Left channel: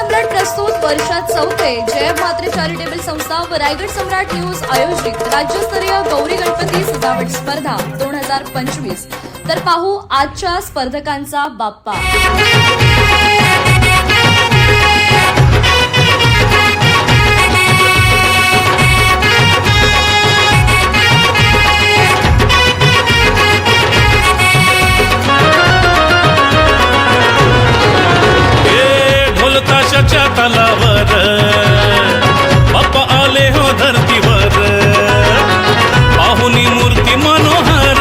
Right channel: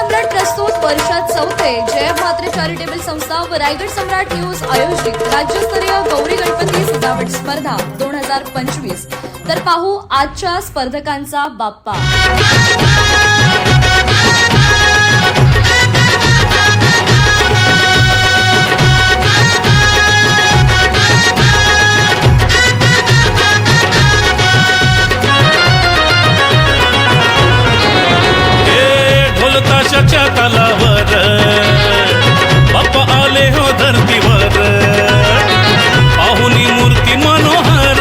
सम्राट प्रस्तुत वर्षात चौथे जय म्हात्रे चॅरिटेबल संस्था व रायगड सम्राट न्यूज आयोजित राज्यस्तरीय गौरी गणपती सजावट स्पर्धा 2025। तर पाहू आजच्या स्पर्धकांचा बाप्पा। ताशाच्या तालावर बाप्पा आले हो धरतीवर, पाहुनी मूर्ती मनोहर,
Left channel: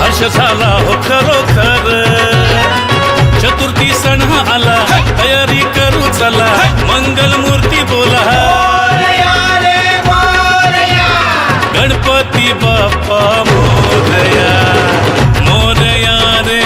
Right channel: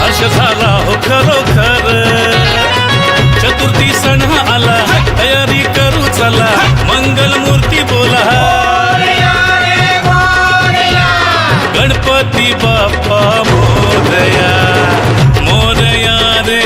हर्ष झाला हो खरोखर। चतुर्थी सण आला, तयारी करू चला, मंगल मूर्ती बोला, गणपती बाप्पा मोरया मोरया रे